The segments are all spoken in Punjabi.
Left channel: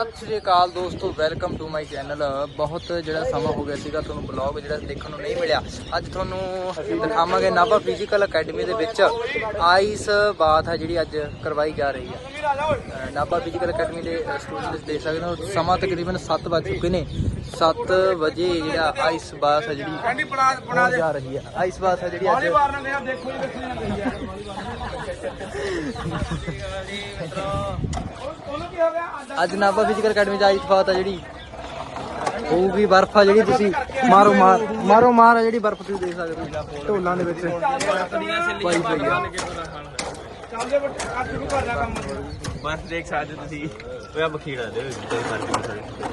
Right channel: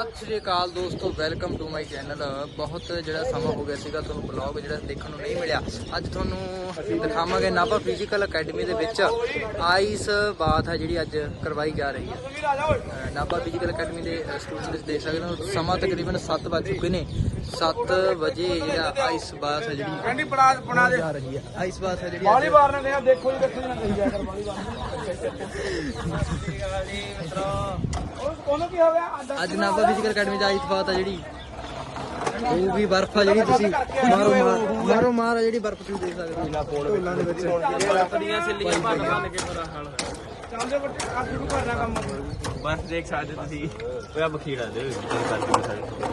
ਸਤਿ ਸ਼੍ਰੀ ਅਕਾਲ ਦੋਸਤੋ ਵੈਲਕਮ ਟੂ ਮਾਈ ਚੈਨਲ ਬਹੁਤ ਜਿਹੜਾ ਸਮਾਂ ਹੋ ਗਿਆ ਸੀਗਾ ਤੁਹਾਨੂੰ ਬਲੌਗ ਜਿਹੜਾ ਦੇਖਣ ਨੂੰ ਨਹੀਂ ਮਿਲਿਆ। ਅੱਜ ਤੁਹਾਨੂੰ ਦਿਖਾਵਾਂਗੇ ਨਾਭਾ ਫਿਜ਼ੀਕਲ ਅਕੈਡਮੀ ਦੇ ਵਿੱਚ ਆਈਸ ਬਾਥ ਹੈ ਜਿਹੜੀ ਅੱਜ ਕਰਵਾਈ ਜਾ ਰਹੀ ਹੈ। ਨਾਭਾ ਫਿਜ਼ੀਕਲ ਅਕੈਡਮੀ ਦੇ ਸਟੂਡੈਂਟਸ ਦੇਖ ਸਕਦੇ ਹੋ ਸਮਾਂ ਤਕਰੀਬਨ 7 ਵੱਜ ਚੁੱਕੇ ਨੇ। 7 ਵਜੇ ਜਿਹੜਾ ਆਈਸ ਬਾਥ ਹੈ ਜਿਹੜੀ ਜਾ ਰਹੀ ਹੈ। ਆਈਸ ਬਾਥ ਹੈ ਜਿਹੜੀ ਅੱਜ ਅੱਜ Nabha physical academy ice bath ਆ ਜਿਹੜੀ। ਹੋਊਗੀ ਬਰਫ ਆ ਜਿਹੜੀ ਤੁਸੀਂ ਮਾਰੋ ਮਾਰ ਮਾਰੋ ਮਾਰ ਆ ਜਿਹੜੀ ਬਰਫ ਤੁਸੀਂ ਦੇਖ ਸਕਦੇ ਹੋ। ਢੋਲਾਂ ਦੇ ਵਿੱਚ। ਬਸ ਦੇਖ ਸਕਦੇ ਹੋ ਤੁਸੀਂ। ਉਹ ਮਖੀੜਾ ਦੇ ਵਿੱਚ ਕੋਈ ਫ਼ਰਕ ਨਹੀਂ ਸਕਦਾ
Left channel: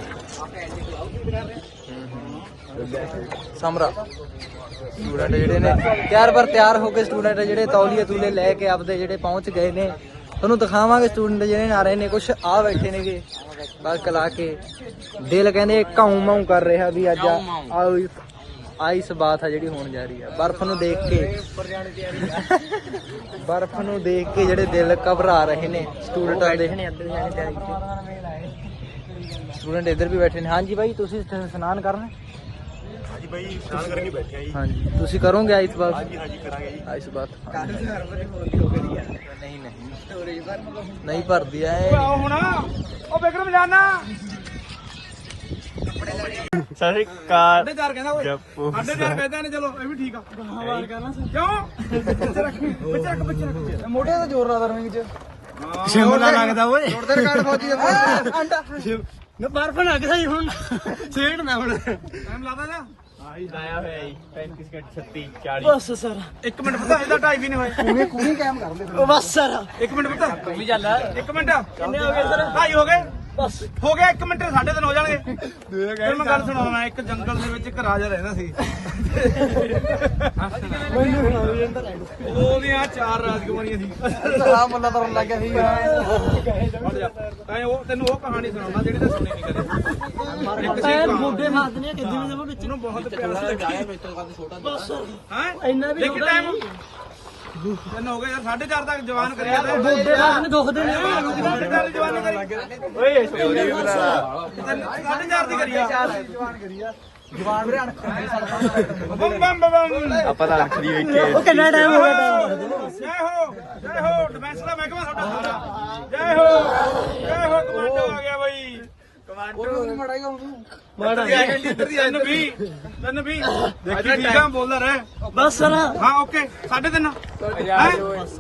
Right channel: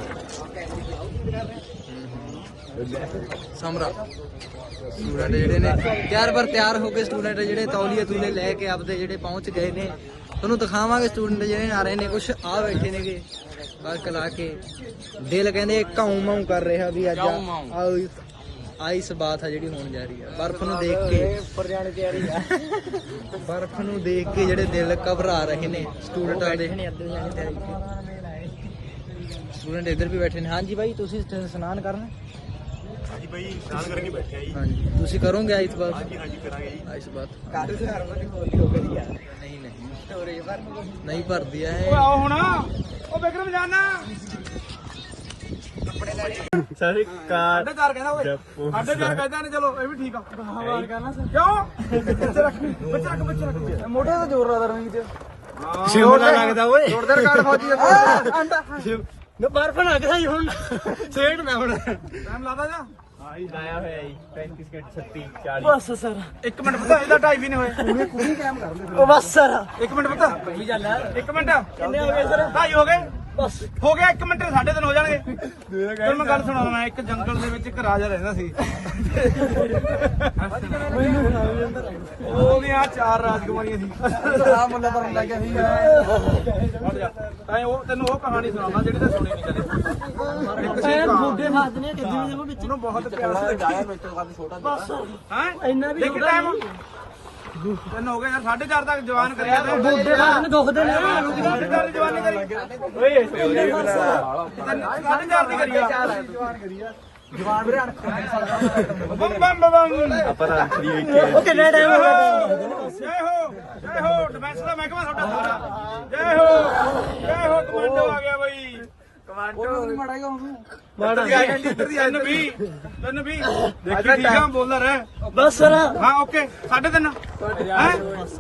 ਸਮਰਾ ਸਟੂਡੈਂਟ ਜਿਹੜੇ ਨੇ ਤਿਆਰ ਪਰ ਤਿਆਰ ਹੋ ਕੇ ਸਟੂਡੈਂਟ ਜਿਹੜੇ ਤੌਲੀਏ ਤੂਲੇ ਲੈ ਕੇ ਆਪਦੇ ਜਿਹੜੇ ਪਹੁੰਚ ਗਏ ਨੇ ਤੁਹਾਨੂੰ ਦਿਖਾਵਾਂਗੇ ਸਟੂਡੈਂਟ ਜਿਹੜੇ ਆ ਰਹੇ ਨੇ ਕੁਝ ਆ ਬੈਠੇ ਨੇਗੇ ਬਸ ਲਾ ਕੇ। ਦਿਲ ਕਹਿੰਦੇ ਕਾਉ ਮਾਉ ਕਰ ਰਿਹਾ ਵੀ ਅੱਜ ਆਇ- ਆਈਸ ਬਾਤ ਆ ਜਿਹੜੀ ਹੋਣ ਜਾ ਰਹੀ ਆ। ਬਰਫ਼ ਨੂੰ ਦੇਖ ਕੇ। ਬਰਫ਼ ਨੂੰ ਦੇਖ ਕੇ ਜਿਹੜੇ ਦਿਲ ਘਬਰਾ ਰਹੇ ਨੇ ਸਟੂਡੈਂਟਾਂ ਦੇ। ਸਟੂਡੈਂਟ ਇੱਧਰ ਵੀ ਬੈਠੇ ਨੇ। ਹਾਂਜੀ ਬਾਈ ਤੁਸੀਂ ਇਸ਼ਨਾਨ ਕਰਨਾ। ਹਾਂਜੀ ਭਾਈ ਇਸ਼ਨਾਨ ਕਰਕੇ ਬੈਠਿਆ ਜੀ। ਹਾਂਜੀ। ਤੁਸੀਂ ਕਰੋਗੇ ਆਈਸ ਬਾਤ ਹਾਂਜੀ ਹਾਂਜੀ ਕਰਾਂਗੇ ਜੀ। ਆਈਸ ਬਾਤ ਨਹੀਂ ਨਹੀਂ। ਨਹੀਂ ਭਰਦੀ ਐ ਹੁਣ। ਉਹ ਵਿਕਰਮ ਜਾਨਾ ਸਤਿ ਸ਼੍ਰੀ ਅਕਾਲ। ਸਾਡੇ ਚਾਰ ਕਹਿੰਦਾ ਓਏ ਸਾਡੇ ਚਾਰ ਕਹਿੰਦਾ ਨੇ ਚਲੋ ਇਹ ਵੀ ਠੀਕ ਆ। ਹਵਾਲ ਕਰਨਾ ਕਿਉਂ? ਬੱਚੇ ਰੱਖੀ ਬੱਚੇ ਰੱਖ ਬੱਚੇ ਰੱਖ। ਮੋਢੇ ਤੇ ਜ਼ੋਰ ਲਾ ਰਿੰਗ ਚ ਸ਼ਿਮਲਾ ਲੱਗਦਾ ਓਏ। ਜੋੜਦੇ ਰਿਕਾਰਡ ਫੌਜੀ ਦੇ ਅੰਡਾ। ਨਾ ਬਰਫ ਲੱਗਦਾ ਹੀ ਹੁਣ। ਸੇੜ ਨਾ ਹੁਣ। ਟਾਈਮ ਲਾਦਾ ਜਾ? ਆਇਆ ਹੋਇਆ ਜੀ 35 ਘੰਟ 36 40 ਬਸ ਸਰ। ਇੱਕ ਮਿੰਟ ਪਤਾ ਇਹਦਾ ਢਾਈ ਵੀ ਨਹੀਂ ਹੋਏ। ਪੂਰੀ ਕੈਮ ਕਰ ਲੈ ਉਹ ਬਸ ਸਰ। ਇੱਕ ਮਿੰਟ ਪਤਾ। ਤੂੰ ਵੀ ਚੱਲ। ਇੱਕ ਮਿੰਟ। ਕਿੰਨੇ ਹੋ ਗਏ ਸਰ? ਢਾਈ ਹੋ ਗਏ? ਬਸ। ਹੋ ਗਿਆ ਇੱਕ ਮਿੰਟ ਸਾਢੇ ਤਿੰਨ ਹੋ ਜਾਣਗੇ। ਫਿਰ ਮੈਂ ਗੱਲ ਸੁਣਾਉਣਾ ਇੱਕ ਜੰਗਲ ਦੇ ਵਿੱਚ ਇੱਕ ਰਾਜਾ ਰਹਿੰਦਾ ਸੀ। ਉਹਦੀਆਂ ਚਾਰ ਰਾਜਕੁਮਾਰੀਆਂ ਸੀ। ਆ ਮੁੰਡਾ ਤਾਂ ਲੱਗ ਗਿਆ ਸੀ ਹਟ ਜਾ। ਐ ਉਹ ਤੈਨੂੰ ਉਹ ਕਹਾਣੀ ਸੁਣਾਉਣਾ ਜਿਹੜੀ ਤੇ ਸੁਣੀ ਨਹੀਂ ਕਦੇ। ਐ ਬੁੱਢੇ ਮਾਰਦੇ ਨੇ ਕਿੱਦਾਂ ਜਮਾ ਵਿੱਚ। ਨੂੰ ਬਹੁਤ ਪਿਆਰ ਸੀ। ਬਸ। ਹਾਂ? ਇੰਨਾ ਵੀ ਇੱਕ ਟਾਈਮ ਤੈਨੂੰ ਹੋ ਗਿਆ ਯਾਰ 4:30 ਤੱਕ ਜਵਾਨ ਕਰਿਆ ਤੇ ਬੁੱਢੇ ਦੁਖਦੇ ਨੇ। ਚਾਰ ਦੀ ਜਵਾਨੀ ਕਰੀ। ਓਏ 4:30 ਦੀ ਕਰੀ ਆ। ਜਵਾਨ ਵੀਰੇ ਬੰਮ ਬੰਮ ਬੰਮ ਉਹ ਕਿੰਨਾ ਟਾਈਮ ਹੋ ਗਿਆ? ਜੈ ਹੋ ਜੈ ਹੋ ਡਿਫੈਂਸ ਦਾ ਮਹਿਕਮਾ ਤੁਹਾਡਾ ਸਾਰਾ। ਜੈ ਹੋ ਜੈ ਹੋ ਕਮਾਂਡੋ ਆ ਗਿਆ ਬਈ। ਉਹ ਮਾੜਾ ਹੀ ਉਹਨੂੰ ਤਿੰਨ ਵੀ ਤਿੰਨ ਵੀ ਦੇਖੀ ਠੀਕ ਆ ਬੋਲਰ ਹੈ। ਬਸ ਸਰ। ਹਾਂ ਓਕੇ ਸਾਢੇ ਤਿੰਨ। ਹੈ?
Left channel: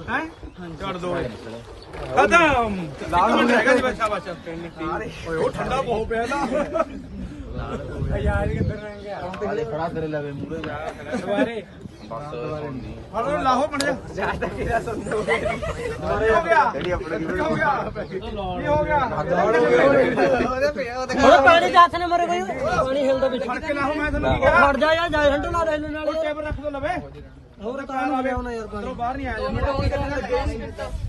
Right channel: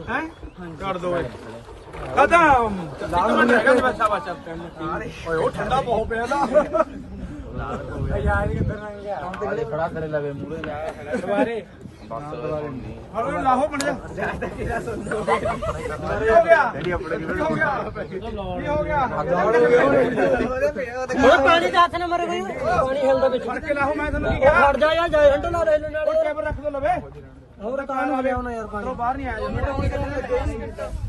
ਹੈ ਕੱਢ ਦੋ। ਕਦਮ ਲਾਲ ਹੈਗਾ ਜੀ ਬੱਚਾ ਬੱਚਾ ਓਏ ਉਹ ਠੰਡਾ ਬਹੁਤ ਪਿਆ ਯਾਰ ਕਿੱਧਰ ਲੰਘ ਗਿਆ। ਖੜਾ ਕਰੇ ਲਵੇ ਮੂਰੇ ਦੁਬਾਰੇ। ਹਲੋ ਲਾਹੋ ਬਣ ਜਾ। ਕੀ ਹੋ ਗਿਆ? ਕੀ ਹੋ ਗਿਆ? ਕੀ ਹੋ ਗਿਆ? ਥੋੜਾ ਪਾਣੀ ਦਾ ਹੱਥ ਨਾ ਮਰ ਗਈ। ਪਾਣੀ ਹਿਲਦਾ ਵਿੱਚ ਫੜ ਕੇ ਲਾਹੋ ਮੈਂ ਤੈਨੂੰ ਕੀ ਕਿਹਾ? ਖੜ ਜਾ ਯਾਰ ਜਾਇ ਹੰਡ ਨਾ ਰਹਿਣ ਨਾਲ। ਉਹ ਕੇਬਲ ਰੱਖ ਦੋ ਲਵੇ। ਹੋਰ ਤਾਂ ਆ ਗਿਆ ਹੁਣ ਯਾਰ ਚਲੋ ਬਾਹਰ ਨਹੀਂ ਆਇਆ ਜਾਂਦਾ।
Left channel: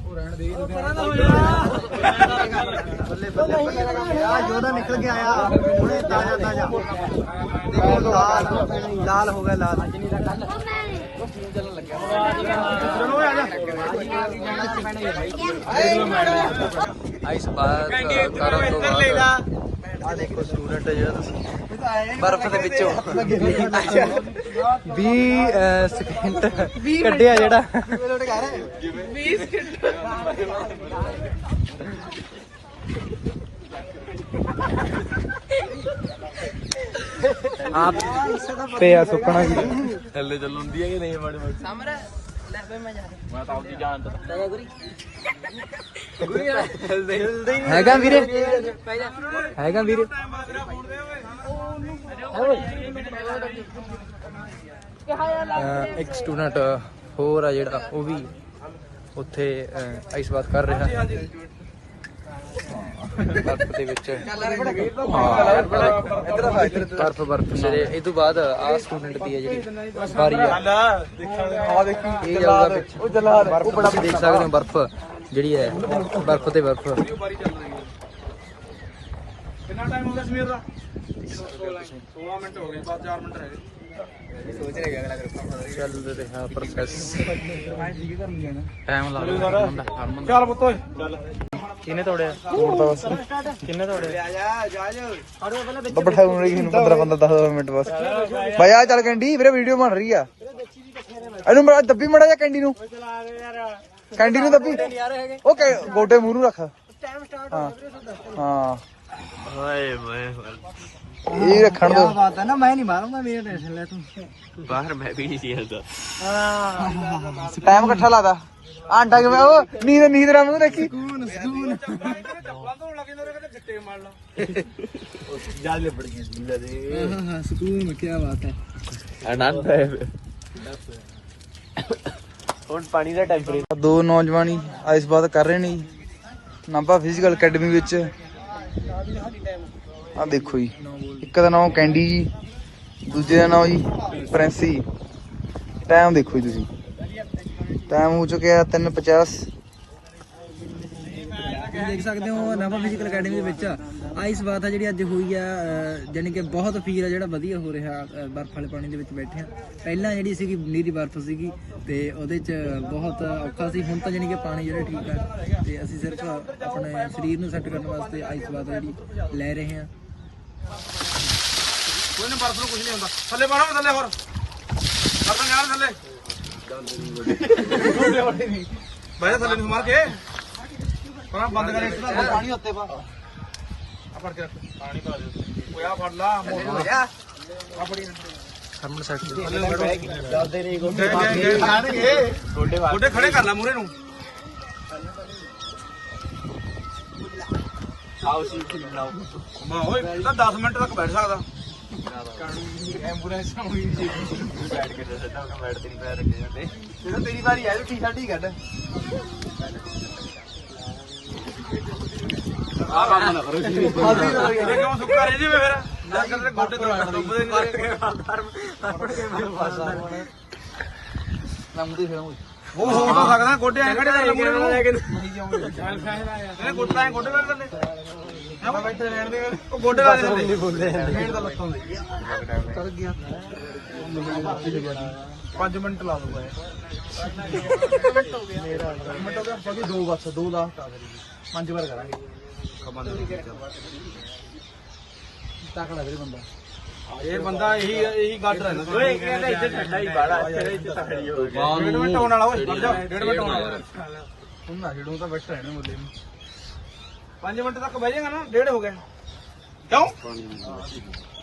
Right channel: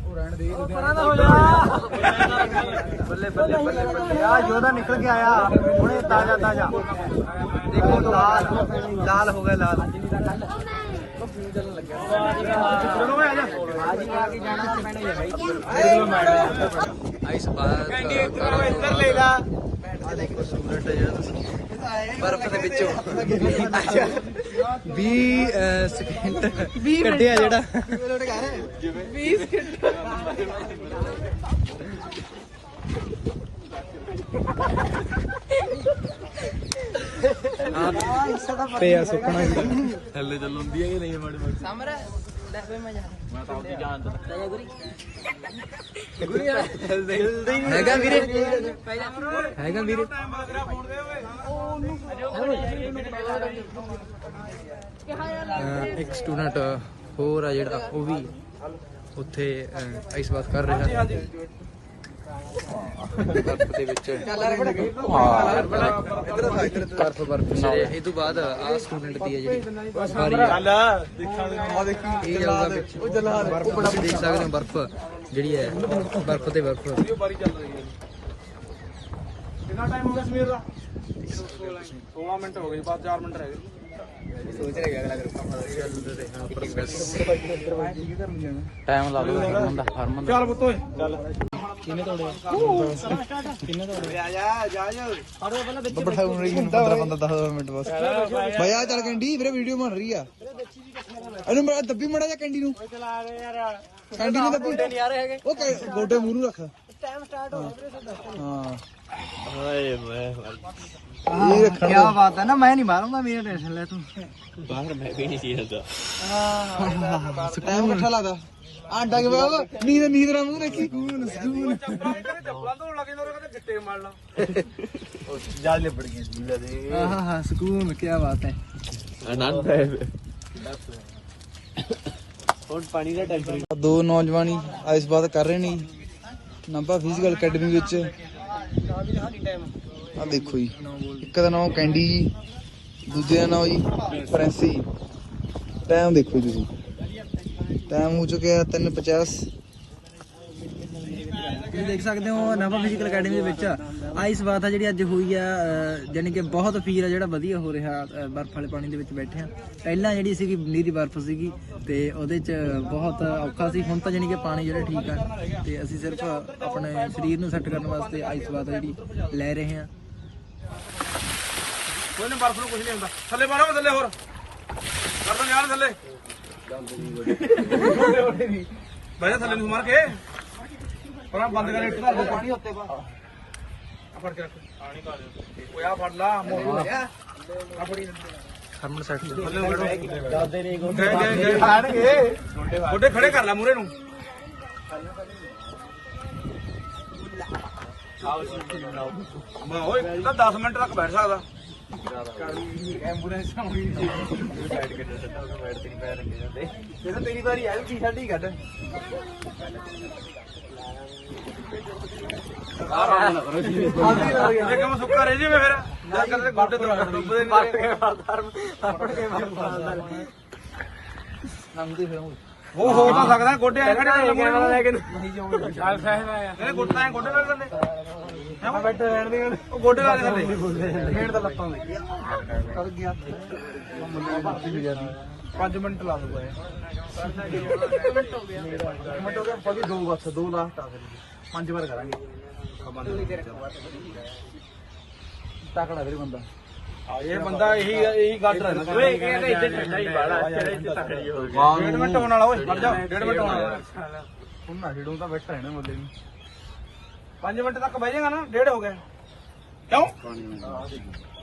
ਉਹ ਰਹਿਣ ਦੇ ਬੱਲੇ ਬੱਲੇ ਬੱਲੇ ਬੱਲੇ ਆ ਯੋਧਾ ਨਿਕਲ ਕੇ ਆਇਆ। ਹੁਣੇ ਤਾਜ਼ਾ ਤਾਜ਼ਾ। ਦੇਖੋ ਲਾਲ ਲਾਲ ਹੋ ਗਿਆ ਲਾਲ। ਚਲੋ ਆ ਜਾ। ਆਈਸ ਬਾਤ ਕਰਨ ਤੋਂ ਬਾਅਦ ਆ ਦੇਖੋ ਸਟੂਡੈਂਟ ਜਿਹੜਾ ਤੁਸੀਂ। ਬਰਫ਼ ਦੇ ਵਿੱਚੋਂ। 20 ਸਕਿੰਟ ਕੱਢਿਆ ਜਿਹੜਾ। 20 ਸਕਿੰਟ ਪਿਆ ਸੁੱਕਣਾ ਜੀ ਥੱਲੇ ਚੱਲੁੰਦੀ ਹੈ ਕਿ ਨਹੀਂ ਮਾੜੀ ਮਾੜੀ ਸਮਰ ਲੈ ਵੇ ਮੈਂ ਜਾ ਮੈਂ ਤਾਂ ਆਪਦੀ ਜਾਨ ਤੇ ਜਾ ਗੁਰੀ। ਹੈਗਾ ਵੀਰੇ? ਹੈਗਾ ਵੀਰੇ? ਇੱਕ ਸਟੂਡੈਂਟ ਹੋਰ ਆ ਜਿਹੜਾ ਉਹ ਵੀ ਉੱਥੇ ਆਈਸ ਬਾਤ ਕਰ ਰਿਹਾ। ਬਰਫ਼ ਦੇ ਵਿੱਚ ਬਰਫ਼ ਬਰਫ਼ ਜਿਹੜੇ ਇਹ ਤੋਂ ਬਾਅਦ ਆ ਸਟੂਡੈਂਟ ਦੀ ਹੈ ਜਿਹੜੀ ਵਾਰੀ ਆ। ਆ ਦੇਖੀ ਇਹ ਜਾਊਗਾ ਪਿੱਛੇ ਉਹ ਜਲਾਦ ਬਰਫ਼ ਤੁਸੀਂ ਦੇਖ ਸਕਦੇ ਹੋ ਬਰਫ਼ ਜਿਹੜੀ ਹੈ ਬਰਫ਼ ਤੇ ਬਰਫ਼। ਕਿੰਨਾ ਟਾਈਮ ਹੋ ਗਿਆ ਸਮੀਰ ਦਾ? 16 ਮਿੰਟ ਹੋ ਗਏ ਬਾਅਦ 4 ਮਿੰਟ ਰਹਿ ਗਏ ਚੱਲ ਰਿਹਾ ਪ੍ਰੋਸੈਸ ਟਾਈਮ ਲੱਗ ਰਿਹਾ ਹਰਮਨ ਦਾ ਹਰਮਨ ਚੱਲ ਪੁੱਤ ਓਏ ਕਿਹਨੇ ਤੋੜਿਆ ਬਸ ਕਿੰਨੇ ਤੋੜਿਆ ਬੱਬੜ ਸਾਹਿਬ ਨੂੰ 15 15 10 ਮਿੰਟ ਬਸ ਭਾਈ ਆ ਚੱਲ ਕੈਂਡੀ ਵੀਰੇ ਵੀਡੀਓ ਬਣ ਰਹੀ ਆ ਇਹਨੂੰ ਬੜਾ ਦੱਬੀ ਮੜਾ ਜਾ ਕੈਂਡੀ ਨੂੰ ਕੈਂਡੀ ਨੂੰ ਦੱਬੀ ਉਹ ਗੋਡੇ ਮੂੰਹ ਰੱਖ ਹਾਂ ਹਾਂ ਹਾਏ ਮੈਂ ਇਹ ਰੱਖਣ ਦੋ। ਬਾਤ ਹੈ ਨਾ ਮੈਂ ਨਹੀਂ ਮਾਰੂੰਗਾ ਮੇਰੇ ਟੈਨਸ਼ਨ ਲੈ ਤੂੰ। ਬਾਹਰ ਮੈਂ ਵੀ ਨਹੀਂ ਜਾਂਦਾ। ਟਾਈਮ ਇਕੱਠਾ ਲਾਦਾ ਆਂਡਾ ਕਿਵੇਂ ਉਹ? ਨੀਂਦ ਨੀਂਦ ਨਾਲ ਮੂੰਹ ਦੇਖੀ। ਹਾਂ ਹਾਂ ਸਕੂਨ ਕੀ ਬਾਤ ਹੈ। ਆਨੰਦ ਹੈ। ਹੁਣ ਪਾਣੀ ਦਾ ਟੈਂਪਰੇਚਰ। ਦੋ ਨੌਜਵਾਨੀ ਆਇਸ ਬਾਤ ਕਰ ਰਹੇ ਨੇ। ਨਾਭਾ ਫਿਜ਼ੀਕਲ ਅਕੈਡਮੀ ਵਿੱਚ। ਆ ਦੇਖੋ ਜੀ। ਇੱਕ ਦਾ ਨਾਮ ਕੈਂਡੀ ਜੀ ਦੂਜੇ ਦਾ ਨਾਮ ਜੀ ਪ੍ਰਿੰਸੀ ਟਾਈਮ ਦੇਖੋ ਜੀ ਤੁਸੀਂ। ਟਾਈਮ ਹੋ ਚੁੱਕਿਆ 3:50 ਤੁਸੀਂ ਦੇਖ ਸਕਦੇ ਹੋ ਨਵਾਂ ਫਿਜ਼ੀਕਲ ਅਕੈਡਮੀ ਦੇ ਵਿੱਚ। ਆਈਸ ਬਾਤ ਆ ਜਿਹੜੀ ਅੱਜ ਹੋਈ ਆ ਅਹ, ਜਾਣੀ ਕਿ ਬਹੁਤ ਫੀਲ ਆ ਜਿਹੜਾ ਵਧੀਆ ਹੋ ਰਿਹਾ ਬਰਫ਼ ਵਾਲੇ ਪਾਣੀ ਦੇ ਵਿੱਚ ਬੈਠੇ ਆ। ਪਹਿਲਾਂ ਜਿਹੜੀ ਸੀਗੀ ਨੀਰੀ ਬਰਫ਼ ਸੀਗੀ ਤੇ ਉਹਦੇ ਚ ਬਹੁਤ ਔਖਾ ਸੀ ਹੁਣ ਤਾਂ ਜਾਣੀ ਕਿ ਪਾਣੀ ਜਿਹੜਾ ਠੀਕ ਆ। ਤੇ ਅਸੀਂ ਸਿਰਫ ਆਪਣੇ ਸਰੀਰ ਨੂੰ ਸੈੱਟ ਕਰਨ ਵਾਸਤੇ ਆਈਸ ਬਾਤ ਜਿਹੜੀ ਲੈ ਰਹੇ ਹਾਂ ਕੋਈ ਨਾ ਬਰਫ ਨੂੰ ਕੁਝ ਨਹੀਂ ਹੁੰਦਾ। ਥੱਲੇ ਮਾਰੋ ਥੱਲੇ ਹੋਰ। ਕਰ ਦੋ ਯਾਰ ਥੱਲੇ। ਬਾਈ ਥੱਲੇ ਨੂੰ ਮਾਰ ਕੇ। ਪਰ ਬੰਦ ਕਰ ਇੱਟ ਦਾ ਪਾਣੀ ਉੱਤੇ ਪਾ ਆ ਫੜ ਕੇ ਰੱਖ। ਪਾਣੀ ਪਾ ਦੋ ਓਏ ਆ ਫੜ ਲਾ ਮੋਟਰ ਆ ਫੜੀ। ਹਰਮਨ ਸੈੱਟ ਥੱਲੇ ਬੈਠੋ ਡਰਦੇ ਨਹੀਂ ਗੋਡੇ ਖੜੇ ਕਰ ਲੈ ਮੂਰੇ ਨੂੰ। ਮਾ ਓਏ ਤਾਂ 10 ਮਿੰਟ ਤੱਕ ਬੈਠ ਸਕਦਾ। ਐਂਬੂਲੈਂਸ ਹੋਈ ਜੀ ਬੈਠ ਕੇ ਦੱਸਦਾ ਉਹਨਾਂ ਬੈਠ ਤੇ ਨਹੀਂ ਪੈਰ ਰੱਖੇ ਜਾਂਦੇ ਜਦੋਂ ਤੇਰੀ ਵਾਰੀ ਆਈ ਟੀ-ਸ਼ਰਟ ਹੀ ਕੱਢ। ਆ ਕੰਮ ਨਾ ਕਰੋ ਜੀ। ਇਹ ਕਿਉਂ ਸੁੱਕਾ ਰਹਿ ਜਾਵੇ ਫਿਰ? ਜਾਂ ਕਦੇ ਗੋਡੇ ਤੋਂ ਡੁੱਬਦੇ ਨਹੀਂ ਤੇਰੇ। ਉਹ। ਹੋ ਤਾਂ ਸਕਦਾ ਗੋਡੇ ਐ ਖੜੇ ਕਰ ਮੂਰੇ ਨੂੰ ਲੈ ਕੇ ਨਹੀਂ ਜਾਉਂਗੇ ਚੱਲ ਫੈਸਲਾ ਆ ਇਹ ਗੋਡੇ ਐ ਗੋਡੇ ਲਾ ਕੇ ਹੈ। ਬੈਠੇ ਰਹਿਣ ਦੇ ਉਹ ਗੋਡੇ ਲਾ ਦੇ ਥੱਲੇ ਮੇੜ ਤਾਂ ਲੱਤਾਂ ਦੇ ਕਰ ਗਿਆ 5 ਮਿੰਟ ਲਾ ਦੂਗਾ ਇਹ ਮਿੰਟ ਹੋ ਗਿਆ ਮਿੰਟ ਹੋ ਗਿਆ ਪਦੀ ਦੋ ਬਸ ਦੋ ਲਾਸਟ ਆ ਪੰਜ ਵਾਰ ਕਰਾਂਗੇ ਖਬਰ ਨਹੀਂ ਤੱਕੜਾ ਵੀਰੇ ਬੰਦਾ ਇਹ ਬੰਦਾ ਇਹੀ ਇਹੀ ਗੱਡ ਰਹਿੰਦਾ। ਓਏ ਇਹ ਕਹਿੰਦਾ ਇੱਥੇ ਛੱਡਾ ਹੀ ਬਾੜਾ ਤੇਰੇ ਇੱਥੇ ਤਕੜੀ ਹੋ ਗਈ ਡੇਢ ਮਿੰਟ ਹੋਣ ਵਾਲਾ ਓਏ ਖੜ ਜਾ। ਡੇਢ ਮਿੰਟ ਹੋਣ ਵਾਲਾ ਹੁਣ ਨਾ ਛੇੜੂ ਤਾਂ ਬੈਠਾ ਰਹਿਣਾ ਮੁੱਲੇ ਨੂੰ। 5 ਮਿੰਟ ਤੱਕ ਬਹਿ ਜਾਏਗਾ ਨਾ, ਡੇਢ ਹੋ ਗਿਆ। ਕਿਉਂ?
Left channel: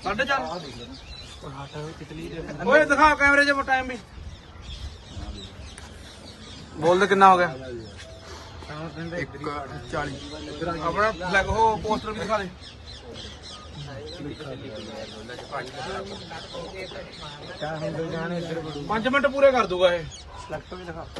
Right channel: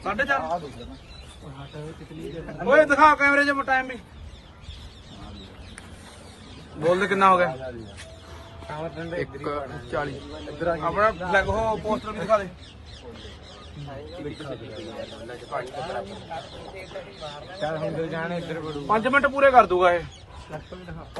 ਸਾਢੇ ਚਾਰ। ਓਏ, ਦਿਖਾ ਕੈਮਰੇ 'ਚ ਟਾਈਮ ਵੀ। ਬੋਲ ਦੇ, ਕਿੰਨਾ ਹੋ ਗਿਆ? 1:40 ਆਪਣਾ ਫਲੈਗ ਉਹ ਪੋਸਟਰ ਵੀ ਦਿਖਾ ਦੇ। ਪੰਜ ਮਿੰਟ ਪੂਰੇ ਕਰ ਦੂਗਾ ਇਹ।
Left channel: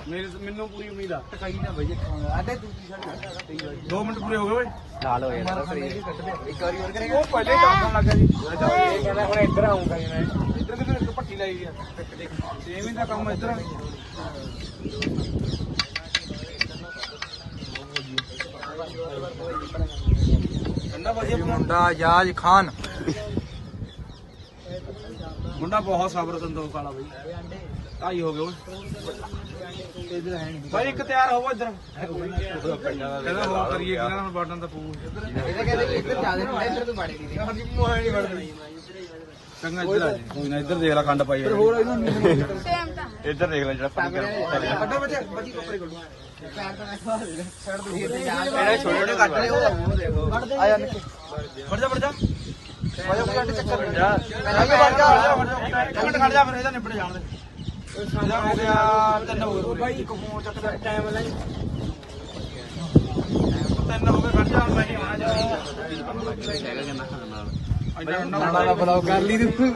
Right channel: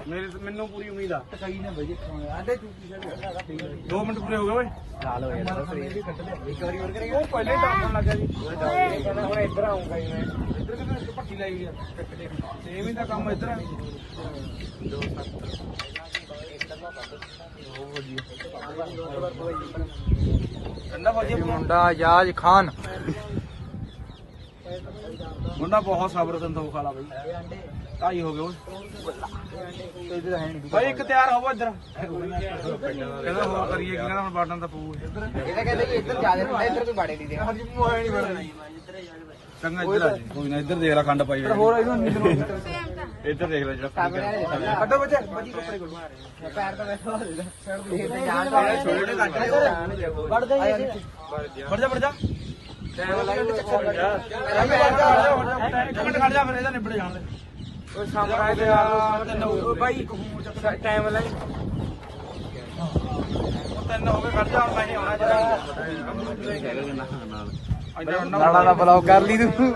ਮੇਰੇ ਮੈਨੂੰ ਪੂਰੀ ਉਮੀਦ ਆ। ਕਈ ਨਾ ਬਈ ਆਡੇ ਤੂੰ ਕੀ ਛੱਡ 2 ਮਿੰਟ ਪੂਰੇ ਹੋ ਗਏ ਓਏ। ਲਾਲ ਹੋ ਗਏ ਇੱਕ ਵਾਰੀ ਹੋਰ ਕਰੇਗਾ ਉਹ ਪਹਿਲੇ ਹੀ ਕੰਮ ਲੱਗ ਗਿਆ ਜੀ। ਇਹ ਕਹਿੰਦਾ ਹੁਣ ਇੱਧਰ ਆਉਂਗਾ ਇੱਧਰ ਵੀ ਇੱਕ ਪੱਟੀ ਲਾਈ ਗਿਆ ਸੇਮ ਹੀ ਦਾ ਕੰਮ ਇੱਧਰ। ਆ ਠੰਡਾ ਭਾਜੀ ਮੁੰਡਾ ਆਜ਼ਾਜ ਖਾਨ। ਮੁੰਡਾ ਬਹੁਤ ਸਬਰ ਸੰਤੋਖ ਵਾਲਾ ਬਈ। ਢਾਈ ਹੋ ਗਏ ਓਏ। ਭਾਈ ਇੱਕ ਤਿਆਰ ਹੋਵੋ ਇੱਧਰ। ਕਹਿੰਦਾ ਹੋਰ ਕਰੀਏ ਕਿ ਕਹਿੰਦਾ ਹੁਣ ਬਾਟਨ ਤਾਂ ਪਊ। ਚੰਗਾ ਇੱਧਰ ਆ ਜਾ ਕੋਈ ਨਾ ਇੱਧਰ ਦੇਖ ਲੈ ਖੰਡ ਪਾਈ ਹੋਰ ਇੱਧਰ ਦੇਖ ਲੈ ਜਿਹੜਾ ਪਾਣੀ ਕਰ ਕੱਢੋ ਬੱਚੇ ਬੱਜੀ ਕੱਪੜੇ ਕੱਢੋ। ਫੜ ਜਾ ਫੜ ਜਾ। ਇੱਕ ਮਿੰਟ ਖੜ ਜਾ ਫਿਰ ਇਹਦਾ ਨਿਬੜ ਜਾਣ ਦੇ। ਬਾਈ ਇੱਕ ਫੋਨ ਚੱਕ ਟਾਈਮ ਲੈ ਤਿੰਨ ਹੋ ਗਏ ਖੜ ਜਾ ਮੈਂ ਹੀ ਆਉਣਾ ਜਿਹੜਾ ਹੈਗਾ ਕਿੰਨਾ ਨਾਲ ਇੱਧਰ ਨਾਲਾ ਨਾ ਬਲੌਗ ਕਰ ਲਈ ਤੂੰ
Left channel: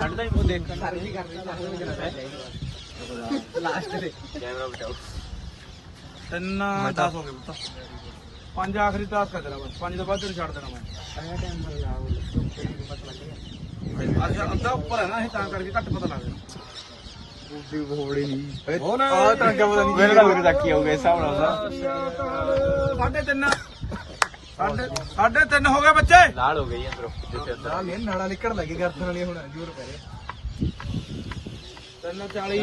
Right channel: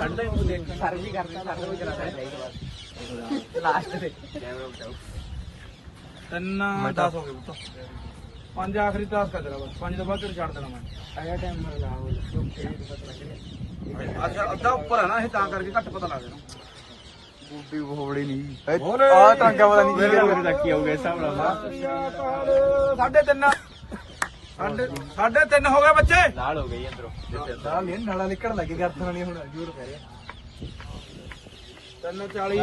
ਤਿੰਨ 10 ਹੋ ਗਏ ਪੁੱਤ ਪੰਜ ਆਖਰੀ ਟਾਸਕ ਆ ਤੇਰਾ ਬਸ ਪੰਜ ਤੋਂ ਬਾਅਦ ਤੈਨੂੰ ਛੱਡ ਦੇਣਾ ਮੈਂ ਅੱਛਾ, ਅੱਧਾ ਉੱਪਰ ਹੈ ਨਾ ਇਹ, ਤਾਂ ਕਰਕੇ ਘੱਟ ਪਤਾ ਲੱਗਦਾ ਬੁੱਢੀ ਬੋੜੀ ਨਹੀਂ। ਆ ਟਾਂਗਾ ਪਤਾ ਨਹੀਂ ਕੀ ਮੇਰੇ ਤੱਕ ਹਿਸਾਬ ਨਾਲ ਸਾਢੇ ਤਿੰਨ। ਸਾਢੇ ਸਾਢੇ ਤਿੰਨ ਹੋ ਗਏ ਬੱਚੇ। ਲਾਲ ਹੋ ਗਈ ਅੰਦਰੋਂ। ਨਾਲ ਨਹੀਂ ਨਾਲਾ ਨਿਕਲ ਲੱਗੇ ਗਰਦਨ ਵਾਲੀ ਹੁਣ ਜ਼ੋਰ ਪੈ ਰਿਹਾ। ਤਿੰਨ 40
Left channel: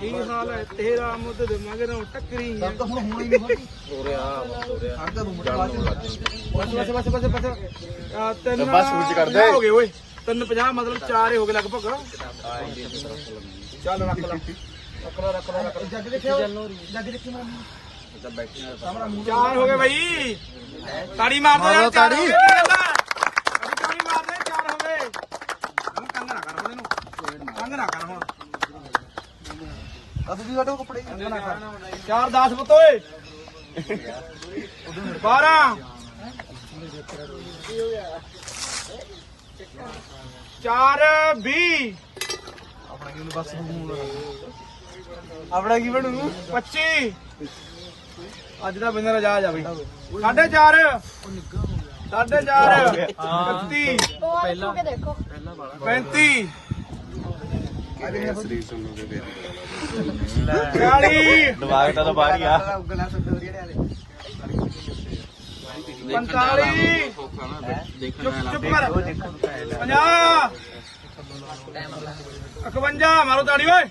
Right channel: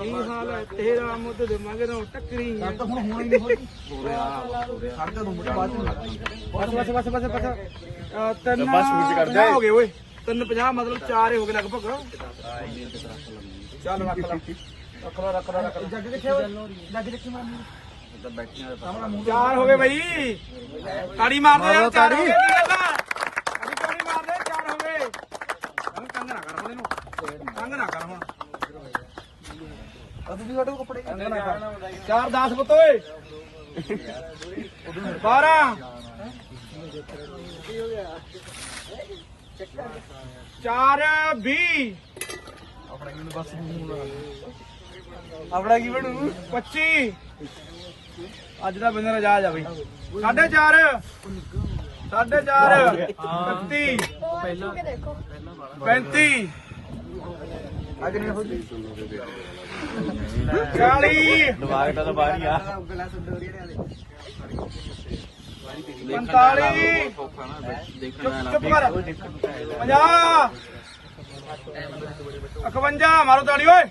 ਕੀ ਹਾਲ ਹੈ? ਤੇਰਾ ਮੁੱਦ ਦੇ ਮਗਰੋਂ ਟੱਕਰੀ ਹੈ। ਤਾਂ ਹੁਣ ਹੋਣੀ ਨਹੀਂ ਹੋਣੀ ਹੋ ਰਿਹਾ ਹੋ ਰਿਹਾ। ਜਾ ਤੂੰ ਬਾਅਦ ਚ ਬਸ ਬਸ ਬਸ ਬਸ ਤਿੰਨ ਹੋ ਗਏ ਓਏ। ਤਿੰਨ 50 ਮਤਲਬ ਚਾਰ ਹੀ ਹੋ ਗਏ ਲਗਭਗ। ਚੱਲ ਰੱਖ ਲੈ। ਰੱਖ ਲੈ ਰੱਖ ਲੈ ਰੱਖ ਲੈ। ਜੱਗ ਦੇਖਿਆ ਜੱਗ ਦੇਖੀ ਮਾਮੀ। ਚਾਰ ਹੋ ਗਏ ਬਈ। ਤਾੜੀ ਮਾਰ ਦੇ ਯਾਰ ਚਾਰ ਹੋ ਗਏ ਕੀ ਗੱਲ ਆ ਤਾੜੀ ਤਾੜੀ ਮਾਰ ਦੇ ਚਾਰ ਹੋ ਗਏ। ਹੁਣ ਤੰਗ ਨਾ ਕਰ ਹੁਣ ਇਹਨੂੰ। ਤੰਗ ਨਾ ਕਰ ਹੁਣ। ਆ ਤੁਸੀਂ ਸਾਡੇ ਕੱਪੜੇ। ਤੰਗ ਨਾ ਕਰ। ਚਾਰ 10 ਪੁੱਤ ਓਏ। 12 ਚਾਰ 20 ਆਪਣਾ ਕੀ ਉਹਨੇ ਬਸ ਹੁਣ ਆਪਣਾ ਕੀ ਬਣੂ? 25 ਅੱਜ ਦਾ ਬਿੰਦਰ ਆਜਾਦ ਆ ਬਈ। 4.5 4.5 31 35 ਅੱਜ ਨਹੀਂ ਹੋ 40 ਦਿਮਾਗ ਤਾਂ ਬਾਹਰ ਆ। 45 ਦੇਖਣ ਚੁੱਪ ਚੁੱਪ ਕਰ। 50 51 ਮਾਰੋ ਤਾੜੀ ਓਏ।